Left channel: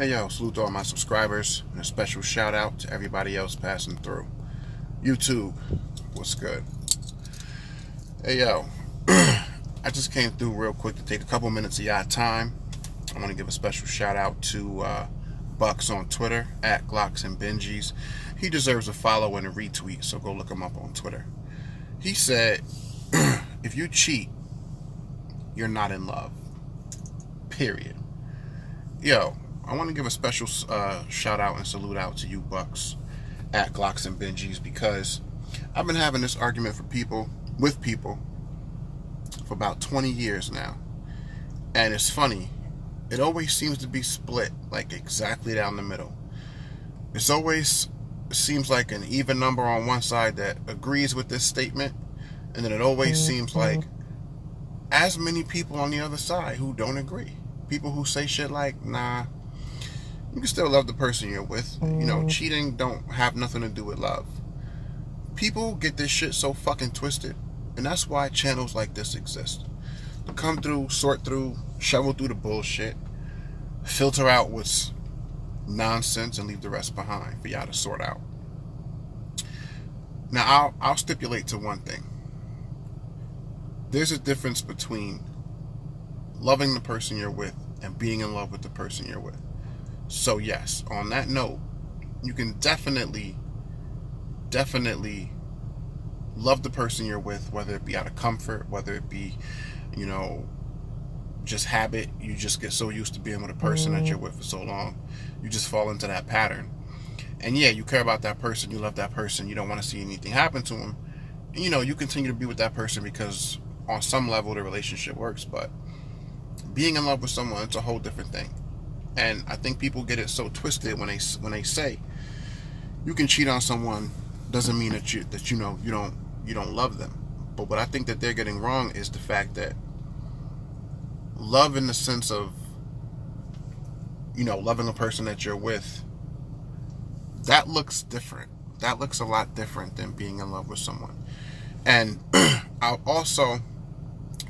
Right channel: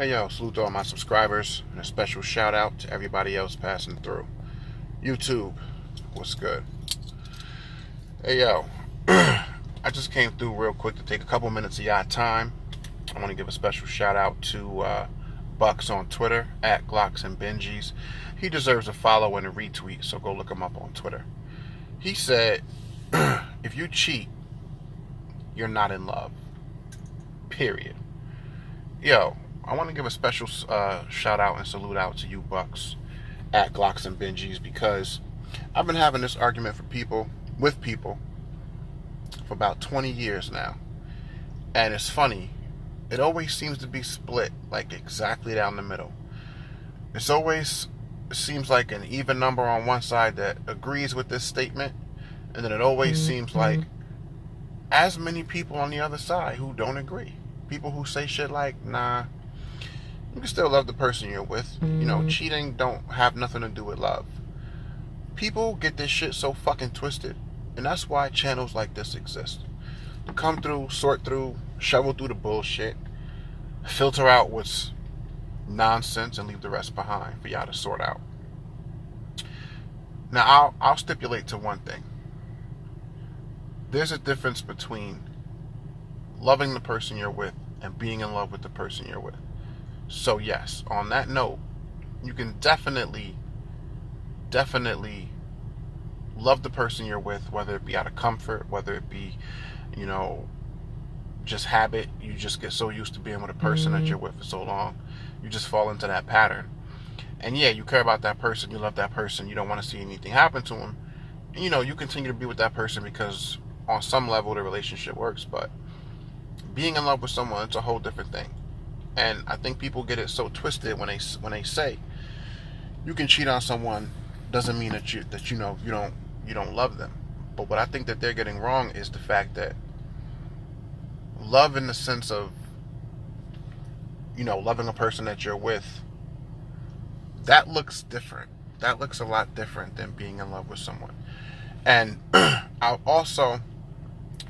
Hey yo, salute to all my subscribers, and a special shout out to everybody else passing through. YouTube, what's good? Hey yo, I just came through real quick to take a couple minutes of y'all time. I want to give a special shout out to Bucks on Twitter, at Glocks and Benjis. He deserves a follow and a retweet, so go look him up on Twitter. He said, if you cheat, you're not in love. Period. Yo, I want to give a special shout out and salute out to you Bucks at Glocks and Benjis, because I've been having this argument with people for about 20 years now. And it's funny, it always seems to be split like exactly down the middle. It always seems like an even number on one side that agrees with this statement, and then it always seems like as many people on the other side who don't agree. People who say shit like, nah, you can still love the person you're with. You know, cheating don't have nothing to do with love. People get this shit so fucking twisted. And that's why channels like this exist. To come through, sort through, shovel through the bullshit, filter out what's nonsense, and leave the rest behind for y'all to sort out. Now, I'll stipulate to one thing. There's a difference between loving the person you're with and being in love with the person you're with. So yes, on that note, you can definitely love the person you're with, whether it be out of comfort, whether it be, you know, just habit. You just get so used to being with a person that you're with for so long, you just fall into that pattern. And yeah, you care about that person, you love that person, you don't want to see anything happen to them. And, you know, you continue to be with that person because on some level the relationship works, but being in love with someone, it's a whole different thing. And I think people get it so twisted when they say you can cheat on someone doesn't mean that you don't love them. But what I think that they're getting wrong is the fact that love in the sense of, you know, loving a person that you're with, that looks different. That looks a lot different than being in love with someone. And I'll also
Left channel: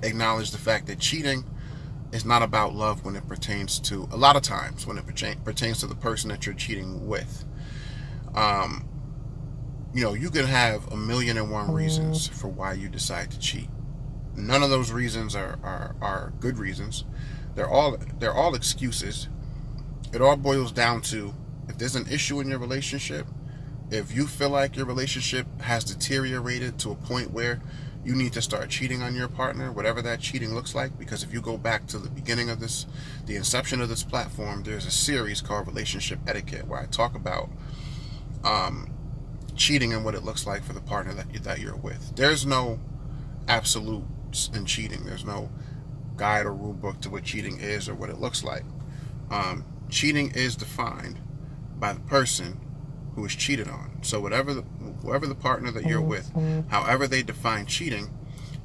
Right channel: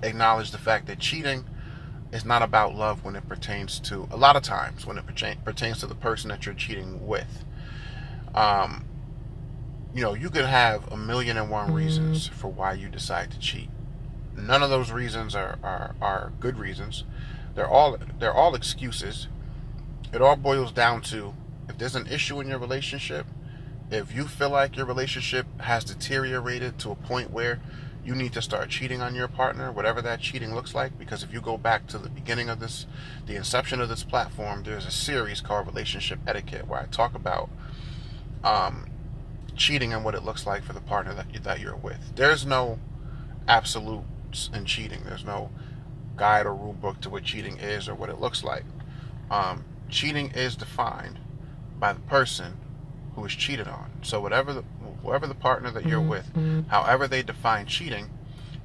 acknowledge the fact that cheating is not about love when it pertains to, a lot of times when it pertains to the person that you're cheating with. You know, you can have 1,000,001 reasons for why you decide to cheat. None of those reasons are good reasons. They're all excuses. It all boils down to, if there's an issue in your relationship, if you feel like your relationship has deteriorated to a point where you need to start cheating on your partner, whatever that cheating looks like. Because if you go back to the beginning of this, the inception of this platform, there's a series called Relationship Etiquette where I talk about cheating and what it looks like for the partner that you're with. There's no absolutes in cheating. There's no guide or rule book to what cheating is or what it looks like. Cheating is defined by the person who is cheated on. So whoever the partner that you're with, however they define cheating,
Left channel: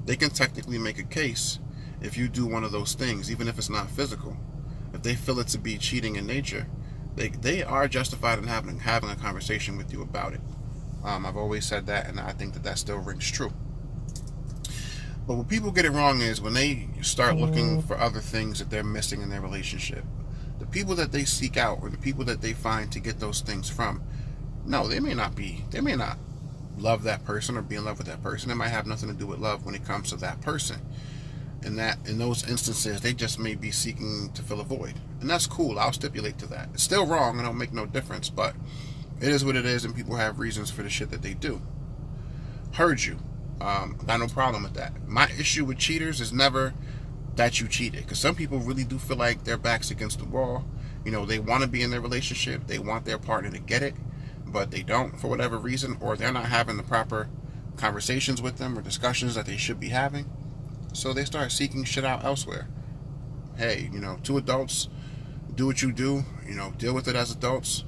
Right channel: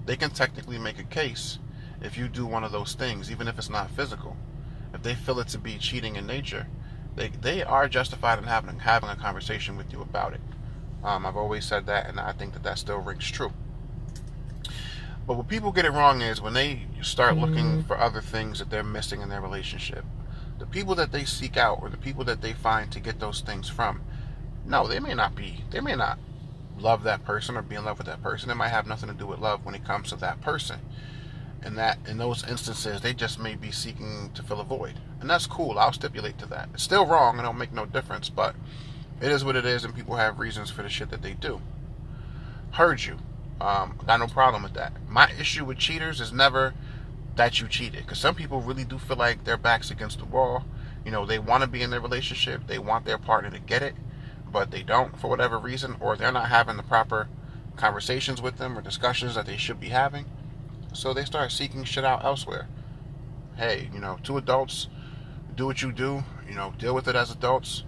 they can technically make a case if you do one of those things, even if it's not physical. If they feel it to be cheating in nature, they are justified in having a conversation with you about it. I've always said that, and I think that still rings true. But what people get it wrong is when they start looking for other things that they're missing in their relationship. The people that they seek out, or the people that they find to get those things from, no, they may not love that person or be in love with that person. It might have nothing to do with love when it comes to that person. And that, in those instances, they just may be seeking to fill a void. And that's cool. I'll stipulate to that. It's still wrong. It don't make no difference. But it is what it is, and people have reasons for the shit that they do. Heard you. Got no problem with that. My issue with cheaters is never that you cheated. Because some people really do feel like their back's against the wall. You know, they want to be in their relationship. They want their partner to get it, but they don't for whatever reason, or they're not having the proper conversations with them or discussions that they should be having. So they start seeking shit out elsewhere. Hey, you know, two adults, do what you do, you know, deal with it as adults.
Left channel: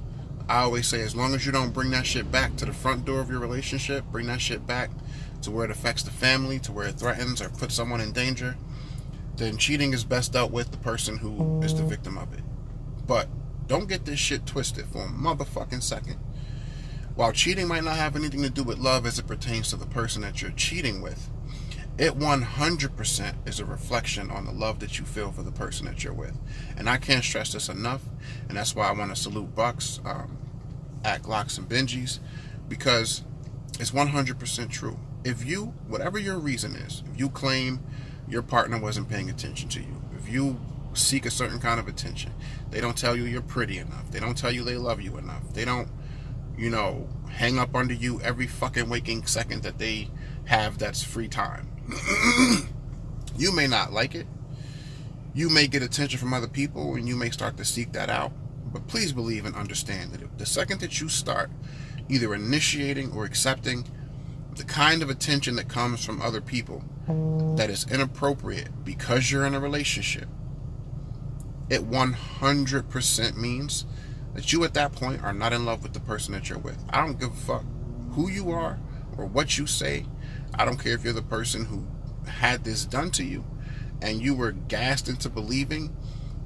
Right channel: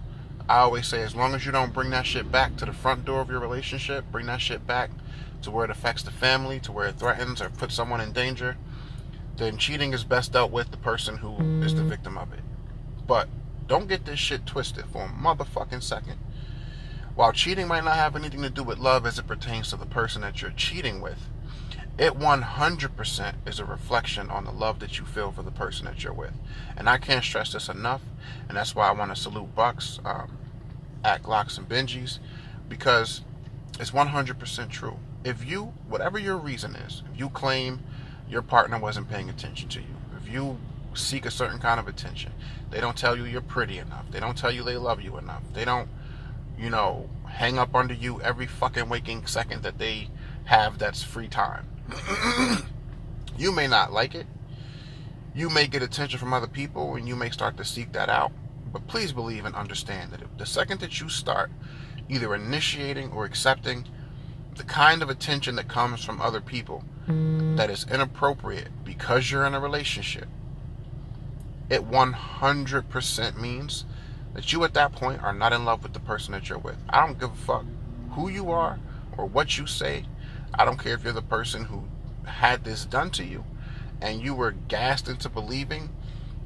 I always say, as long as you don't bring that shit back to the front door of your relationship, bring that shit back to where it affects the family, to where it threatens or puts someone in danger, then cheating is best dealt with the person who is the victim of it. But don't get this shit twisted for a motherfucking second. While cheating might not have anything to do with love as it pertains to the person that you're cheating with, it 100% is a reflection on the love that you feel for the person that you're with. And I can't stress this enough, and that's why I want to salute Bucks at Glocks and Benjis, because it's 100% true. If you, whatever your reason is, if you claim your partner wasn't paying attention to you, if you seek a certain kind of attention, they don't tell you you're pretty enough, they don't tell you they love you enough, they don't, hang up under you every fucking waking second that they have that's free time. You may not like it. You may get attention from other people and you may start to seek that out. But please believe and understand that the second that you start either initiating or accepting the kind of attention that comes from other people that is inappropriate because you're in a relationship, it 100% means that you at that point are not in love with the person that you're with. I don't give a fuck who you are or what you say. I don't care if you're the person who had this done to you and you were gassed into believing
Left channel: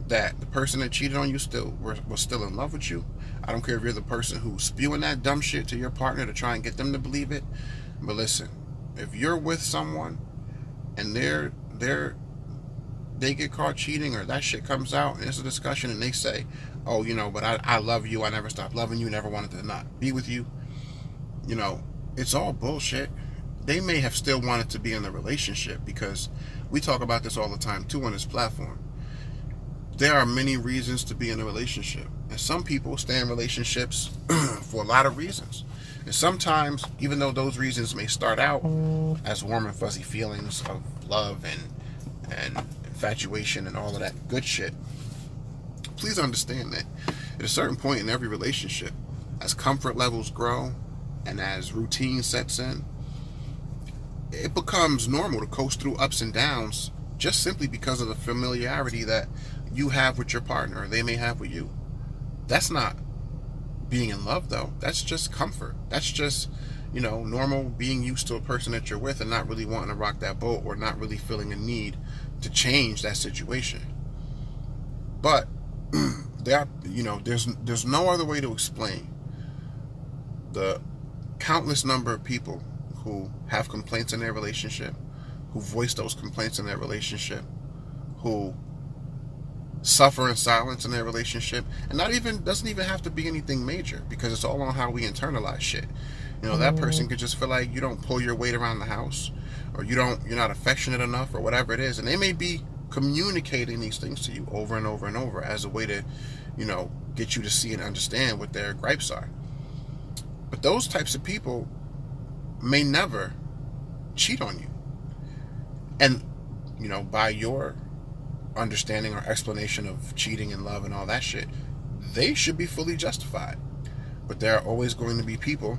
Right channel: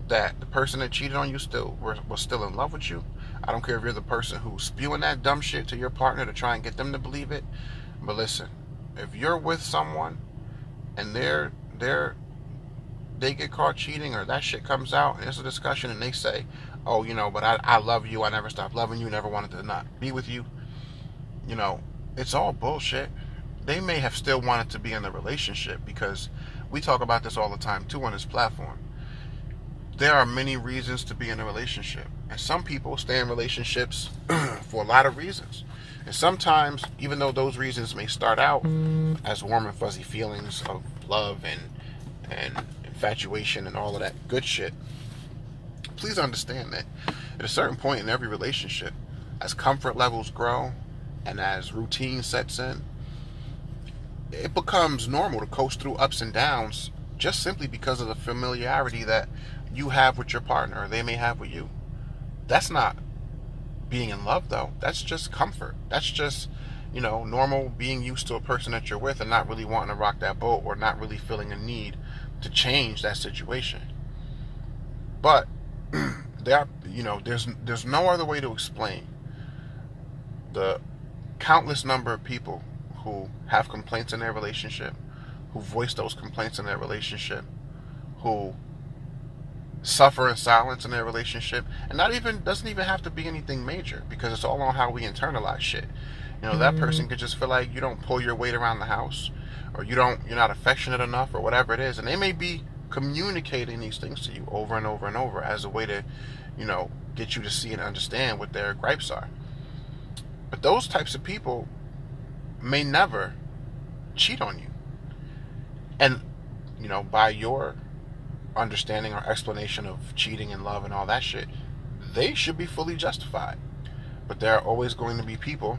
that the person that cheated on you was still in love with you. I don't care if you're the person who's spewing that dumb shit to your partner to try and get them to believe it. But listen, if you're with someone and they get caught cheating or that shit comes out and it's a discussion and they say, oh, but I love you, I never stopped loving you, never wanted to not be with you, it's all bullshit. They may have still wanted to be in the relationship, because we talk about this all the time too on this platform. There are many reasons to be in a relationship, and some people stay in relationships for a lot of reasons. And sometimes, even though those reasons may start out as warm and fuzzy feelings of love and infatuation and all of that good shit, please understand that at a certain point in every relationship, as comfort levels grow and as routine sets in, it becomes normal to coast through ups and downs just simply because of the familiarity that you have with your partner or they may have with you. That's not being in love, though. That's just comfort. That's just, normal being used to a person that you're with and not really wanting to rock that boat or not really feeling a need to change that situation. But there's no other way to explain the countless number of people who have complaints in their relationship, who voice those complaints in their relationship, who suffer in silence in their relationship, and doesn't even have to be anything major, because it's all on how we internalize shit. That person could just feel like you don't pull your weight around the house, or you're not affectionate enough, or whatever it is, and they may be communicating these things to you over and over and over as a way to, get you to see and understand what their gripes are. But those types of people may never cheat on you. And, by your understanding or explanation of cheating and love and all that shit, they should be fully justified. But there are always going to be people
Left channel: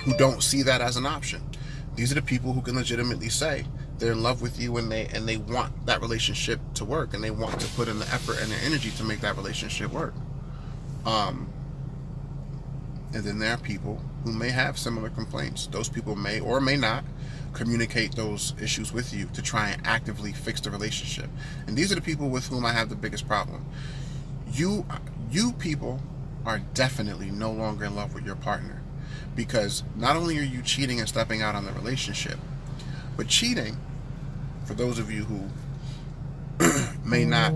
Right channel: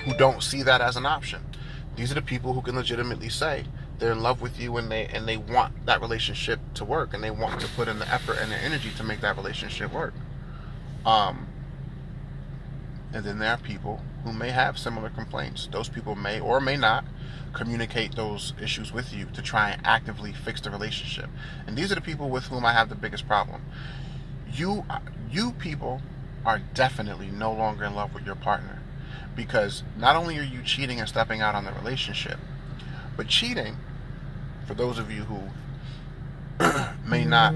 who don't see that as an option. These are the people who can legitimately say they're in love with you and they want that relationship to work, and they want to put in the effort and the energy to make that relationship work. And then there are people who may have similar complaints. Those people may or may not communicate those issues with you to try and actively fix the relationship. And these are the people with whom I have the biggest problem. You people are definitely no longer in love with your partner, because not only are you cheating and stepping out on the relationship, but cheating, for those of you who may not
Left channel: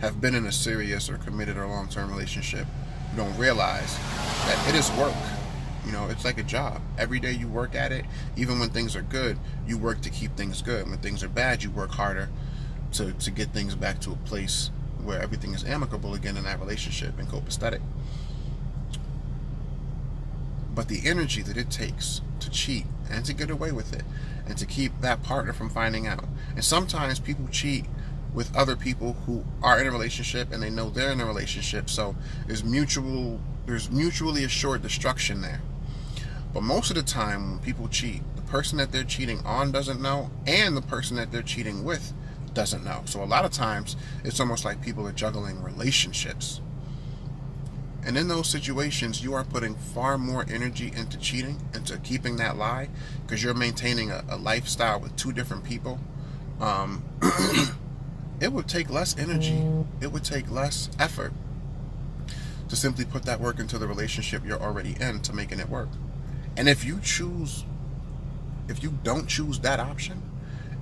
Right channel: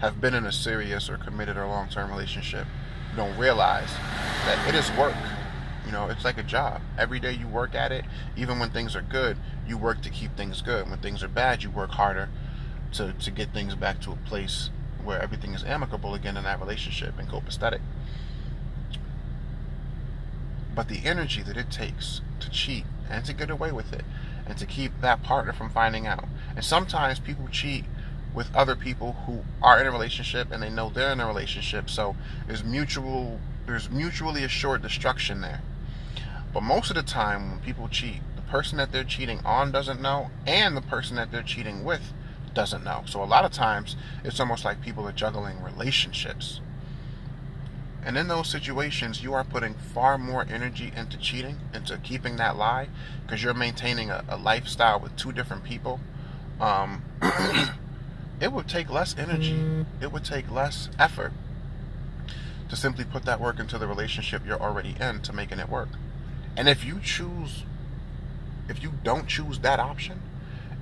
have been in a serious or committed or long-term relationship, you don't realize that it is work. It's like a job. Every day you work at it. Even when things are good, you work to keep things good. When things are bad, you work harder to get things back to a place where everything is amicable again in that relationship and copacetic. But the energy that it takes to cheat and to get away with it and to keep that partner from finding out. And sometimes people cheat with other people who are in a relationship and they know they're in a relationship, so there's mutually assured destruction there. But most of the time when people cheat, the person that they're cheating on doesn't know, and the person that they're cheating with doesn't know. So a lot of times it's almost like people are juggling relationships. And in those situations, you are putting far more energy into cheating, into keeping that lie, because you're maintaining a lifestyle with two different people. It would take less energy, it would take less effort to simply put that work into the relationship you're already in to making it work. And if you choose if you don't choose that option,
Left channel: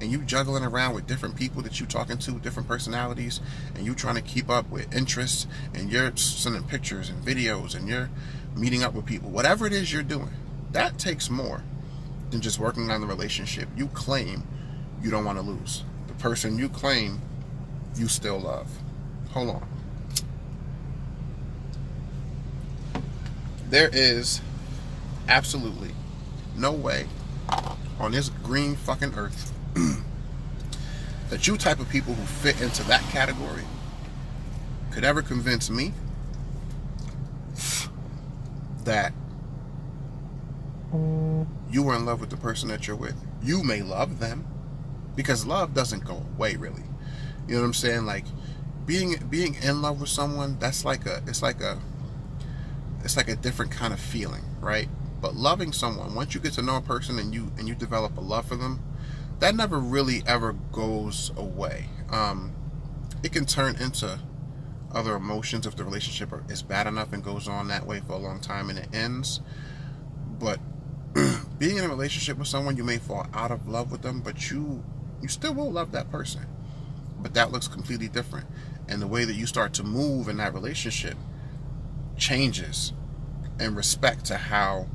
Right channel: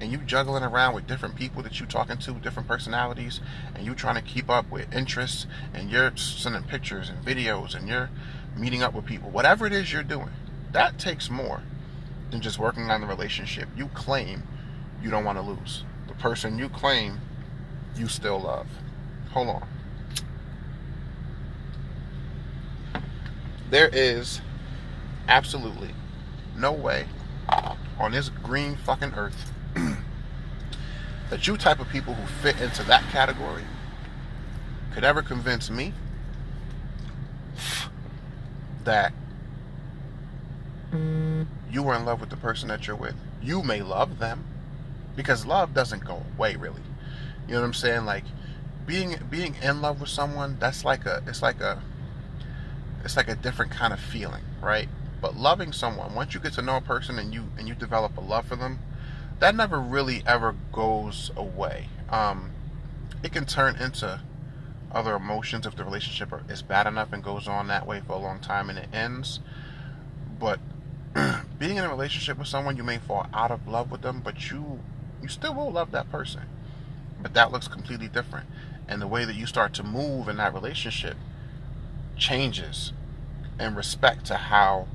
and you juggling around with different people that you talking to, different personalities, and you trying to keep up with interests, and you're sending pictures and videos, and you're meeting up with people, whatever it is you're doing, that takes more than just working on the relationship you claim you don't want to lose. The person you claim you still love. Hold on. There is absolutely no way on this green fucking earth that you type of people who fit into that category could ever convince me that you were in love with the person that you're with. You may love them, because love doesn't go away, really. You know what I'm saying? Like, being in love with someone, it's like a different kind of feeling, right? But loving someone, once you get to know a person and you develop a love for them, that never really ever goes away. It can turn into other emotions if the relationship is bad enough and goes on that way for a long time and it ends. But being in a relationship with someone, you may fall out of love with them, but you still will love that person. But that looks completely different. And the way that you start to move in that relationship changes in respect to how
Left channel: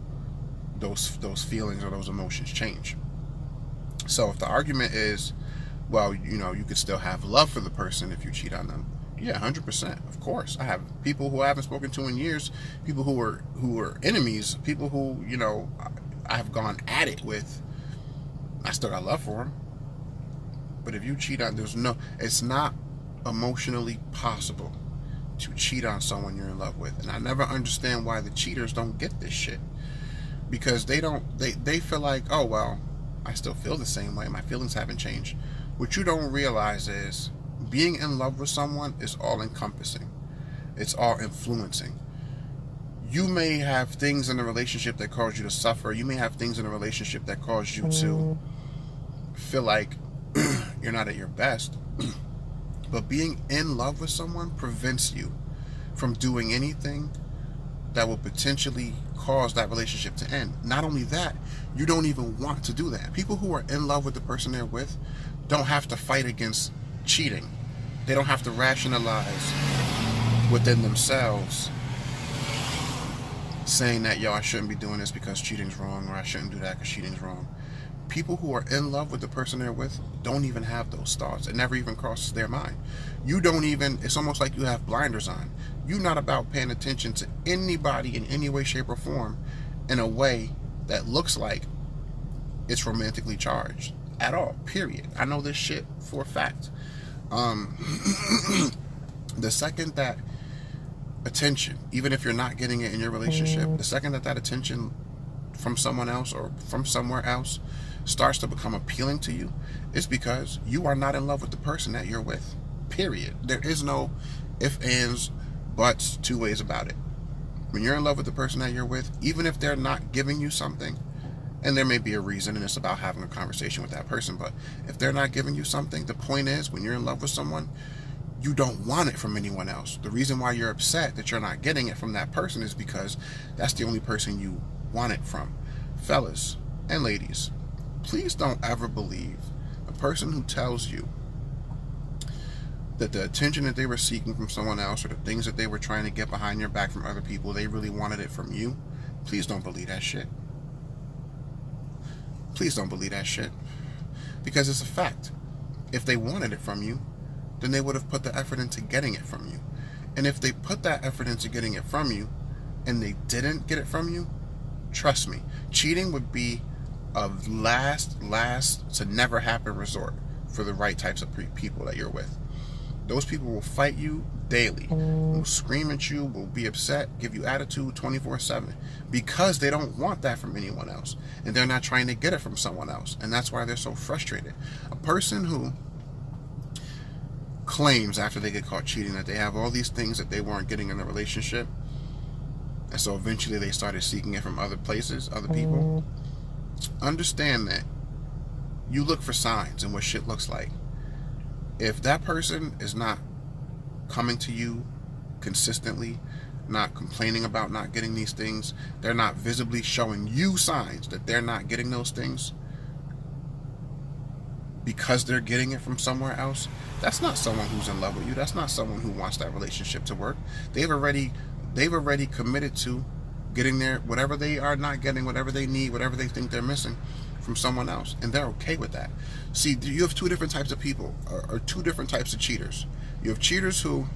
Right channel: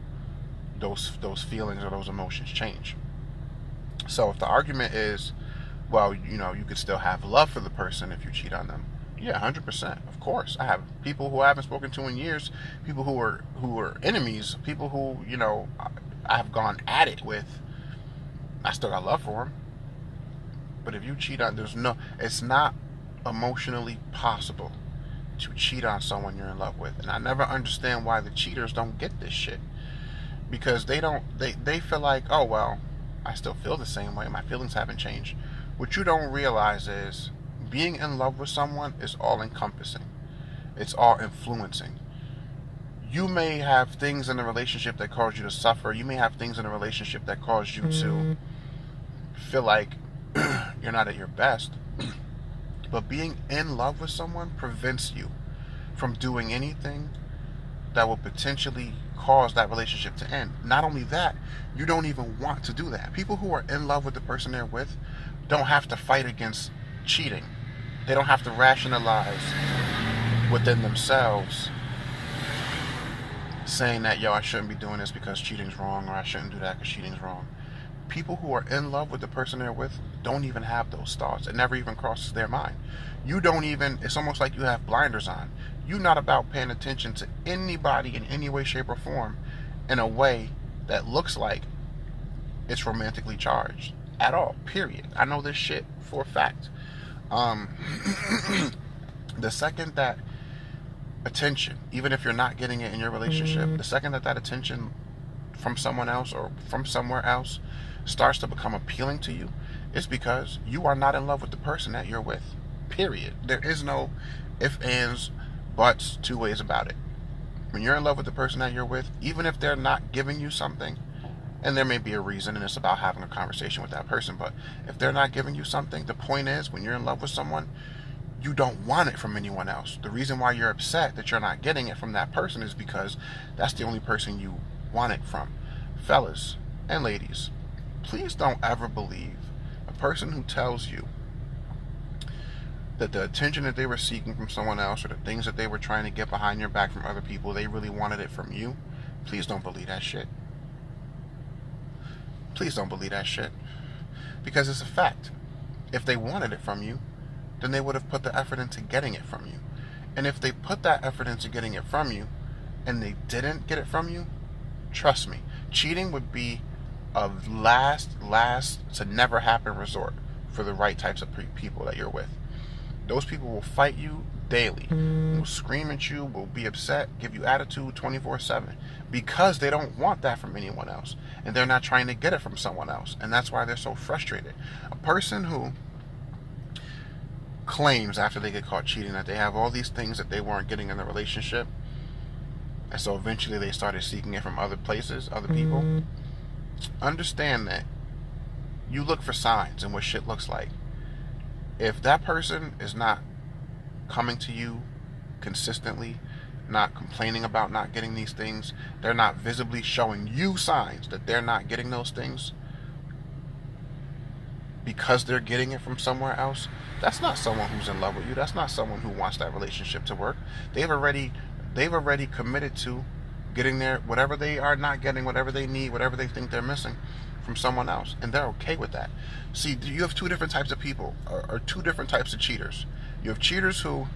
those feelings or those emotions change. So if the argument is, well, you could still have love for the person if you cheat on them. Yeah, 100%. Of course. I have people who I haven't spoken to in years, people who are enemies, people who, I've gone at it with. I still got love for them. But if you cheat on, it's not emotionally possible to cheat on someone you're in love with. And I never understand why the cheaters don't get this shit. Because they feel like, oh, well, I still feel the same way. My feelings haven't changed. What you don't realize is being in love with someone is all encompassing. It's all influencing. You may have things in a relationship that cause you to suffer. You may have things in a relationship that cause you to feel like you're not at your best. But being in love with someone prevents you from doing anything that will potentially cause that relationship to end. Not only that, you don't even want to do that. People who are in love with the person they're with don't have to fight against cheating. They don't have to rationalize within themselves saying that, I shouldn't be doing this because cheating's wrong, or I shouldn't do that because cheating's wrong. People who are in love with the person they're with don't even have those thoughts. It never even crosses their mind. It's almost like you have blinders on. You're not about paying attention to anybody in any way, shape, or form in a way that looks like it's romantically charged at all, period. I know this shit for a fact. The second that attention, even if you're not getting it in your relationship, the second that attention from someone else or from somewhere else starts to become appealing to you, it's because you are not in love with the person that you're with, period. There is no ifs, ands, buts, two ways about it. When you're in love with the person that you're with, even if they're not giving you something, and there may be a reason, and it's about having a conversation with that person, but if they're not giving you something, the point is, when you're in love with someone, you don't want it from anyone else. The reason why you're upset that you're not getting it from that person is because that's the only person you want it from. Fellas and ladies, please don't ever believe a person who tells you that the attention that they were seeking from someone else, or the things that they were trying to get behind your back from other people, they really wanted it from you. Please don't believe that shit. Please don't believe that shit. Because it's a fact. If they wanted it from you, then they would have put the effort into getting it from you. And if they put that effort into getting it from you, and they didn't get it from you, trust me, cheating would be a last to never happen resort for the right types of people that you're with. Those people will fight you daily, will scream at you, will be upset, give you attitude 24/7, because they don't want that from anyone else, and they're not trying to get it from someone else, and that's why they're so frustrated. A person who claims after they get caught cheating that they have all these things that they weren't getting in the relationship, and so eventually they started seeking it from other places, other people, understand that you look for signs and what shit looks like. If that person is not coming to you consistently, not complaining about not getting these things, they're not visibly showing you signs that they're not getting those things, because they're getting it from somewhere else, that's not someone who's in love with you. That's not someone who wants that relationship to work. They've already committed to getting their whatever they are not getting, whatever they need, whatever they think they're missing from someone else, and they're okay with that. See, you have two different types of people, or two different types of cheaters. You have cheaters who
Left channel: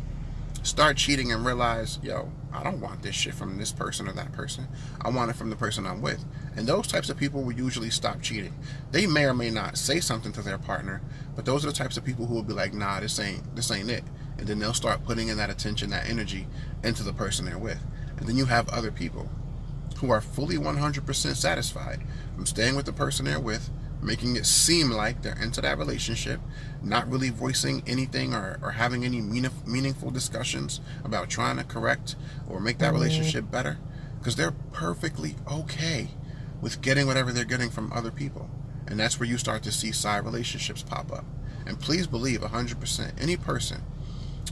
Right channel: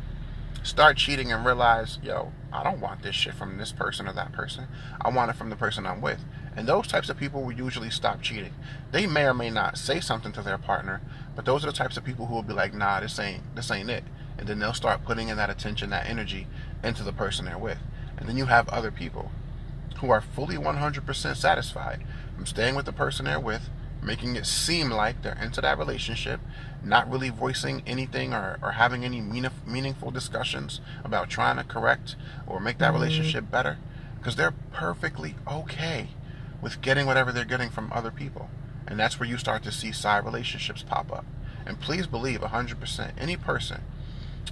start cheating and realize, yo, I don't want this shit from this person or that person. I want it from the person I'm with. And those types of people will usually stop cheating. They may or may not say something to their partner, but those are the types of people who will be like, nah, this ain't it. And then they'll start putting in that attention, that energy into the person they're with. And then you have other people who are fully 100% satisfied from staying with the person they're with, making it seem like they're into that relationship, not really voicing anything or having any meaningful discussions about trying to correct or make that relationship better, because they're perfectly okay with getting whatever they're getting from other people. And that's where you start to see side relationships pop up. And please believe 100%, any person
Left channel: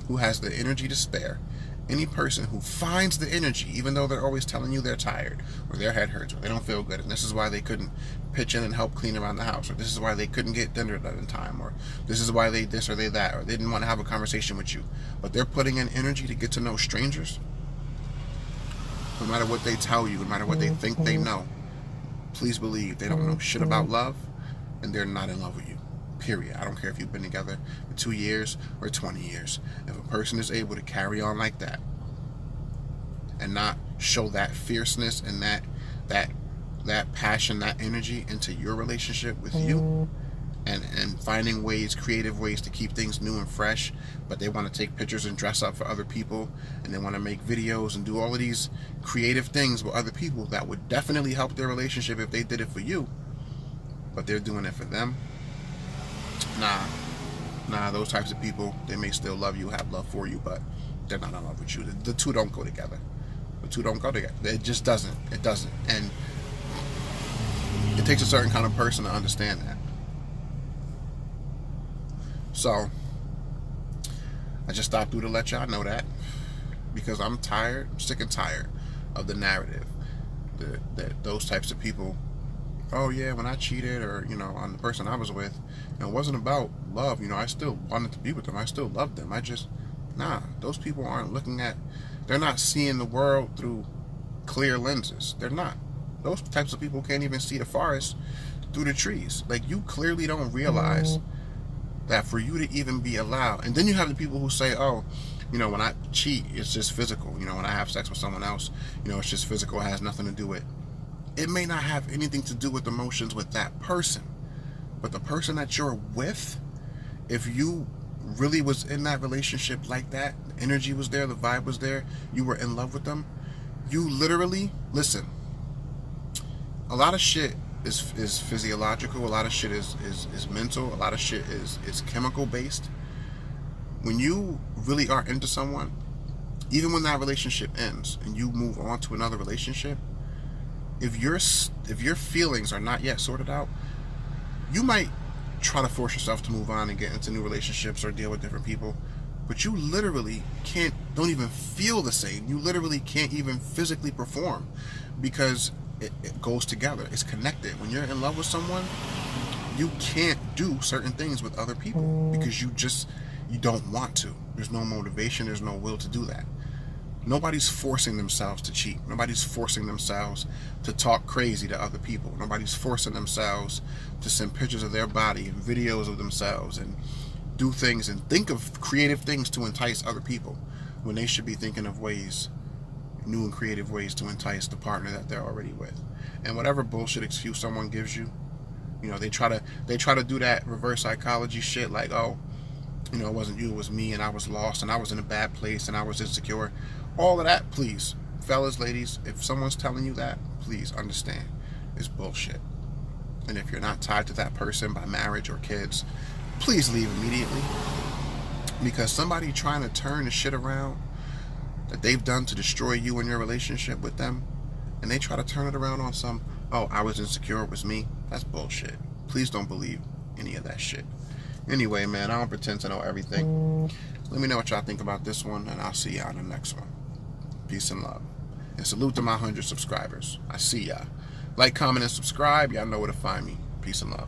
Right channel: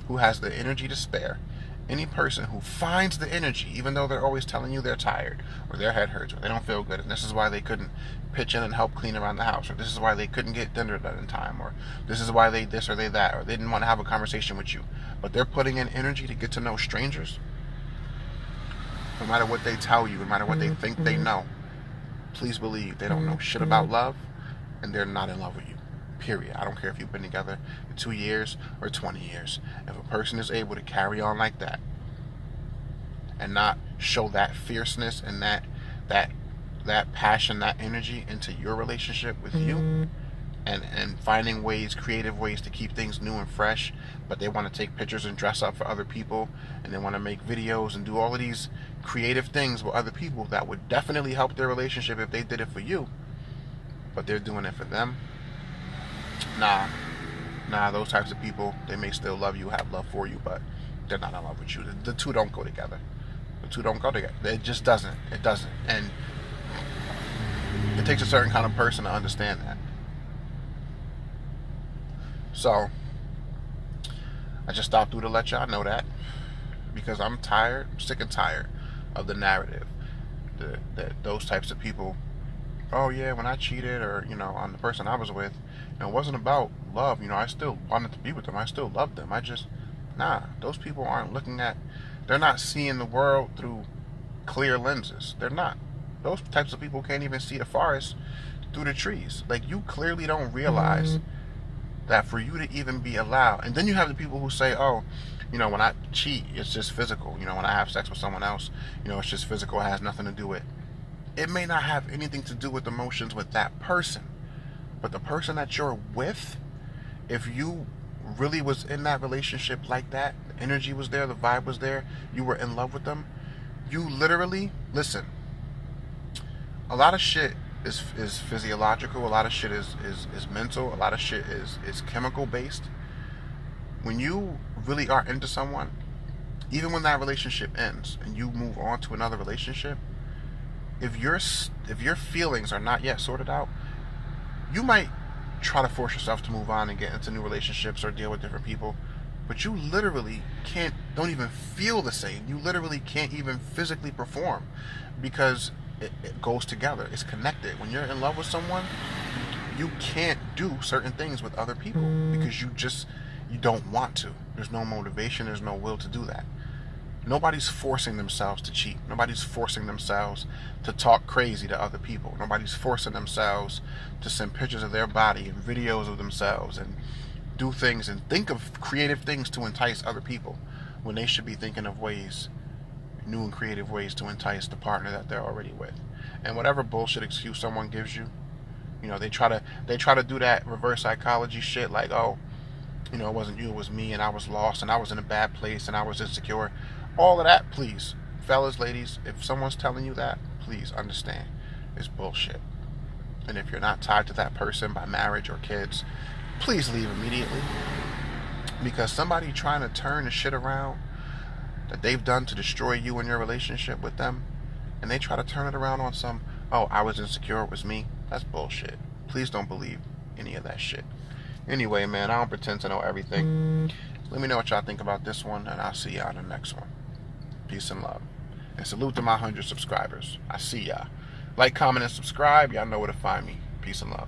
who has the energy to spare, any person who finds the energy, even though they're always telling you they're tired, or their head hurts, or they don't feel good, and this is why they couldn't pitch in and help clean around the house, or this is why they couldn't get dinner done in time, or this is why they this or they that, or they didn't want to have a conversation with you, but they're putting in energy to get to know strangers. No matter what they tell you, no matter what they think they know, please believe they don't know shit about love, and they're not in love with you. Period. I don't care if you've been together for 2 years or 20 years. If a person is able to carry on like that and not show that fierceness and that passion, that energy into your relationship with you, and finding ways, creative ways to keep things new and fresh, but they want to take pictures and dress up for other people, and they want to make videos and do all of these creative things with other people that would definitely help their relationship if they did it for you, but they're doing it for them. Nah, those types of people, they may still love you, have love for you, but they're not in love with you. The two don't go together. The two don't go together. It just doesn't. It doesn't. And it takes a certain kind of person to understand that. So, I just stopped through to let y'all know that, because I'm tired, I'm sick and tired of the narrative that those types of people, oh yeah, when I cheated, or, on the person I was with, it wasn't about love. I still wanted to be with them. I still loved them. Those people aren't they're not seeing the world through clear lenses. They're not. Those types of people can't even see the forest through the trees. Like, you clearly don't realize that for you to even be allowed. And then you have the people who say, oh, when I cheat, it's just physical. When I have sex with someone else, it's just physical. It has nothing to do with. It may not have anything to do with emotions with that person. But the person that you're with, if you really was in that relationship like that, the energy was there, the vibe was there, you were in love with them, you literally, listen, a lot of shit is physiological, a lot of shit is mental, a lot of shit is chemical based. When you really are into someone, even when that relationship ends and you move on to another relationship, if your feelings are not yet sorted out, you might try to force yourself to move on and get into new relationships or deal with different people, but you literally don't even feel the same. You literally can't even physically perform, because it goes together. It's connected. When you're in love with someone, you can't do certain things with other people because you don't want to. There's no motivation. There's no will to do that. Nobody's forcing themselves to cheat. Nobody's forcing themselves to talk crazy to other people. Nobody's forcing themselves to send pictures of their body and videos of themselves and do things and think of creative things to entice other people, when they should be thinking of new and creative ways to entice the partner that they're already with. And whatever bullshit excuse someone gives you, they try to do that reverse psychology shit, like, oh, it wasn't you, it was me, and I was lost, and I was in a bad place, and I was insecure. All of that, please, fellas, ladies, if someone's telling you that, please understand, it's bullshit. And if you're not tied to that person by marriage or kids, please leave immediately. Because somebody trying to turn the shit around that they've done to destroy you and your relationship with them, and they try to turn it around on some, oh, I was insecure, it was me, that's bullshit. Please don't believe any of that shit. Anyway, man, I don't pretend to know everything. Let me know what y'all think about this one, and I'll see y'all in the next one. Peace and love. And salute to my 100 subscribers. I see y'all. Like, comment, and subscribe. Y'all know where to find me. Peace and love.